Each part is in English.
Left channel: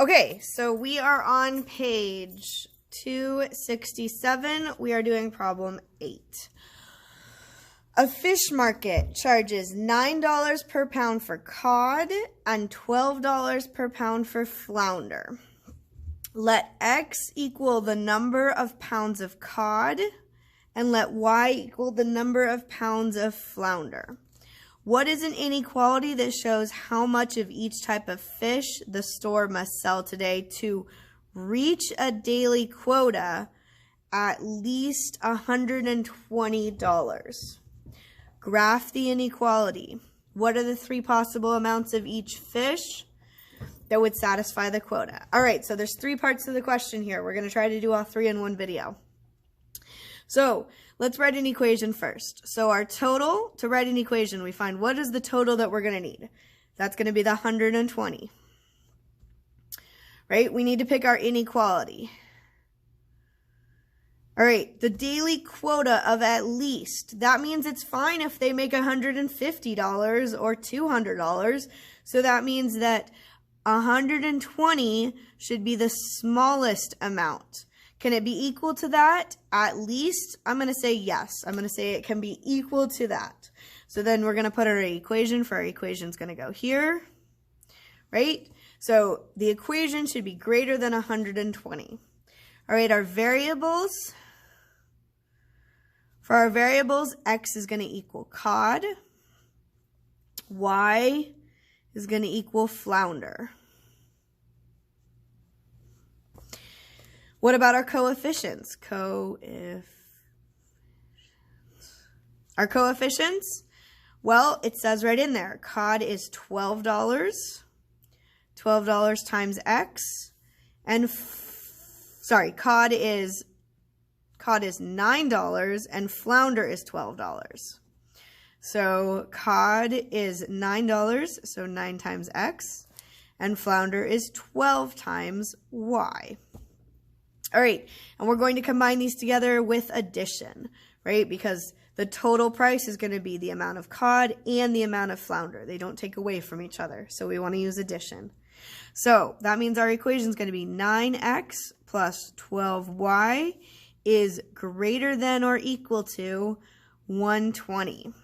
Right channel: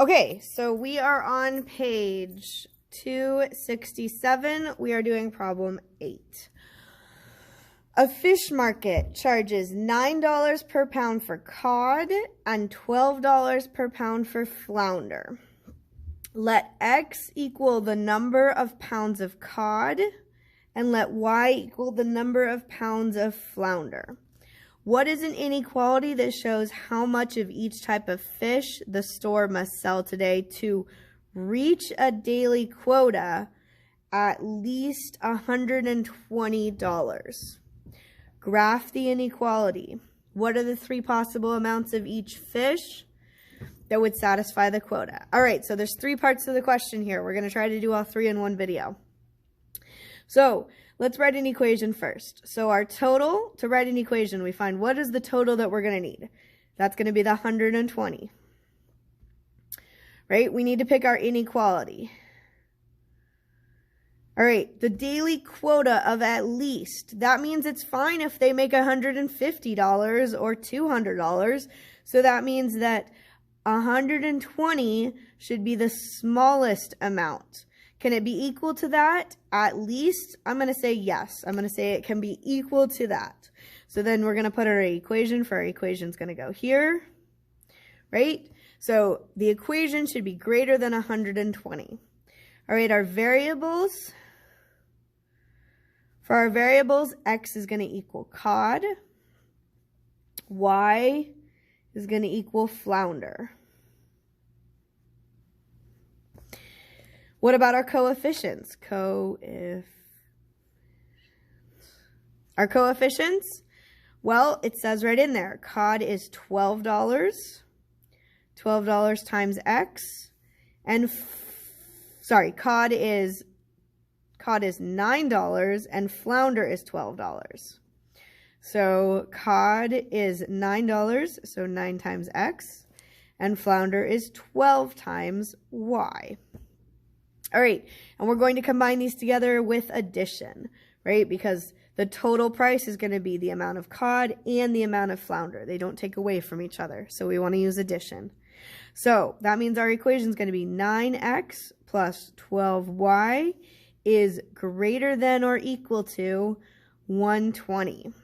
Okay, so we are on page 267. We are doing problem 8. A fish market charges $9 per pound for cod and $12 per pound for flounder. Let X equal the number of pounds of cod and let Y equal the number of pounds of flounder. What is an inequality that shows how much of each type of fish the store must sell today to reach a daily quota at least $120? Graph the inequality. What are the 3 possible amounts of each fish that would satisfy the quota? All right, so there's 3 parts to the question here. We're going to try to do all 3 in one video. So let's write an equation first. So our total, to write an equation, we find what is the total that we're going to need. That's going to be the 120. Right? We need to pick our inequality. All right, the daily quota of at least. That means it's fine if they make $150 or $200. So that means that 120 should be the smallest amount. Can it be equal to that? At least, I'm going to say yes. I'm going to say it can be equal to that. So then we're going to put our equation for our equation is going to go here, right? So the equation should be greater than 120. All right, our variables. For our variables, X is going to equal cod. Y is going to equal flounder. What about our coefficients? Our coefficients? Well, it says right in there, cod is $12. $12 times X. And, cod is $9 and flounder is $12. So cod is $9, so 9 times X. And flounder is 12 times Y. All right, and we're going to combine these together with addition, right? Because the total price is going to be the amount of cod and the amount of flounder. They don't take away from each other, so we want to use addition. So that means our equation is going to be 9x plus 12y is greater than or equal to 120.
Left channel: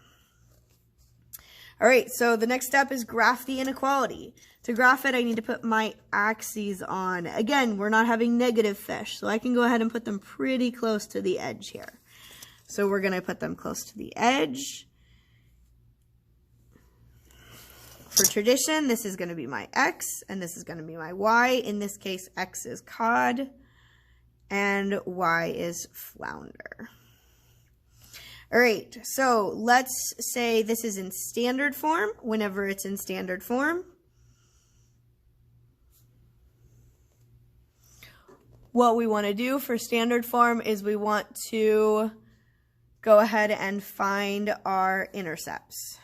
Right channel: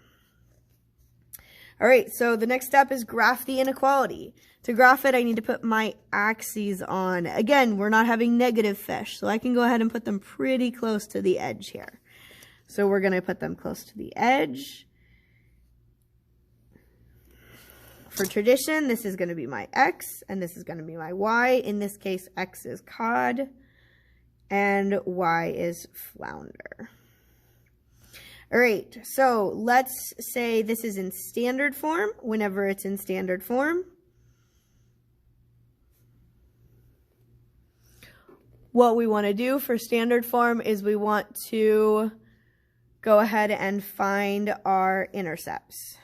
All right, so the next step is graph the inequality. To graph it, I need to put my axes on. Again, we're not having negative fish, so I can go ahead and put them pretty close to the edge here. So we're going to put them close to the edge. For tradition, this is going to be my X, and this is going to be my Y. In this case, X is cod, and Y is flounder. All right, so let's say this is in standard form. Whenever it's in standard form, what we want to do for standard form is we want to go ahead and find our intercepts.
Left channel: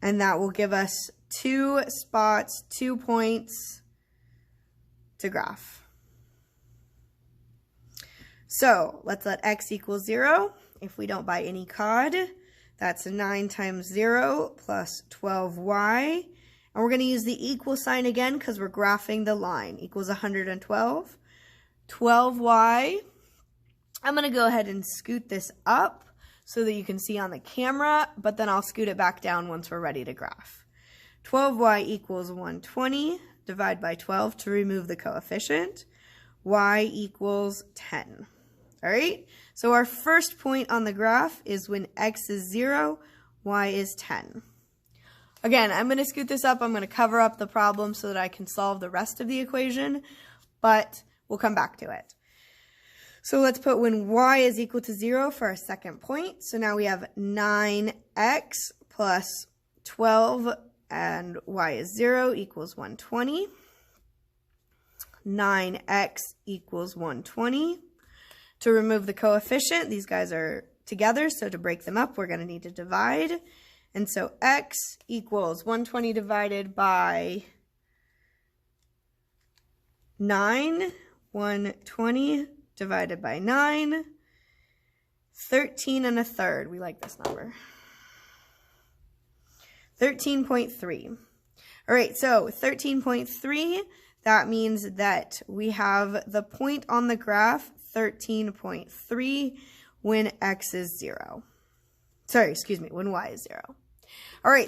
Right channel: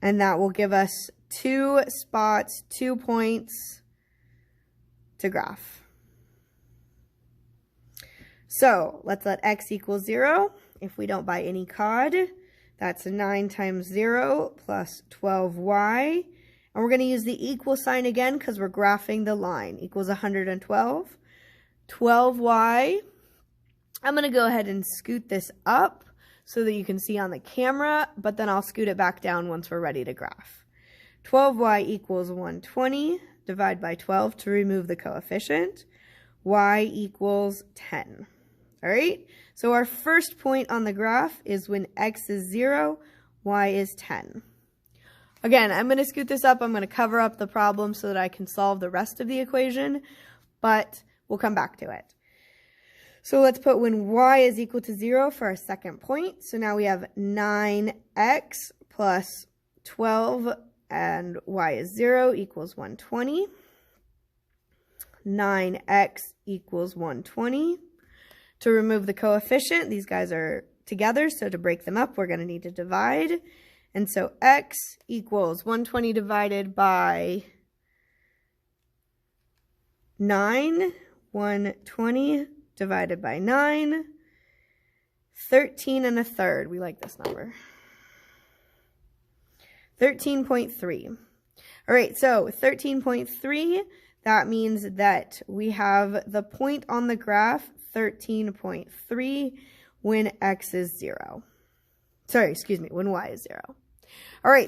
And that will give us 2 spots, 2 points to graph. So let's let X equal 0. If we don't buy any cod, that's 9 times 0 plus 12y. And we're going to use the equal sign again because we're graphing the line. Equals 112. 12y. I'm going to go ahead and scoot this up so that you can see on the camera, but then I'll scoot it back down once we're ready to graph. 12y equals 120. Divide by 12 to remove the coefficient. Y equals 10. All right, so our first point on the graph is when X is 0, Y is 10. Again, I'm going to scoot this up. I'm going to cover up the problem so that I can solve the rest of the equation, but we'll come back to it. So let's put when Y is equal to 0 for our second point. So now we have 9X plus 12 and Y is 0 equals 120. 9x equals 120. To remove the coefficient, these guys are together, so to break them up, we're going to need to divide. And so x equals 120 divided by 9. 120 divided by 9. 13 1/3. We like this number. 13.3. All right, so 13.3, that means that we have the point on the graph, 13.3, when x is 0. Sorry, excuse me, when y is 0. All right.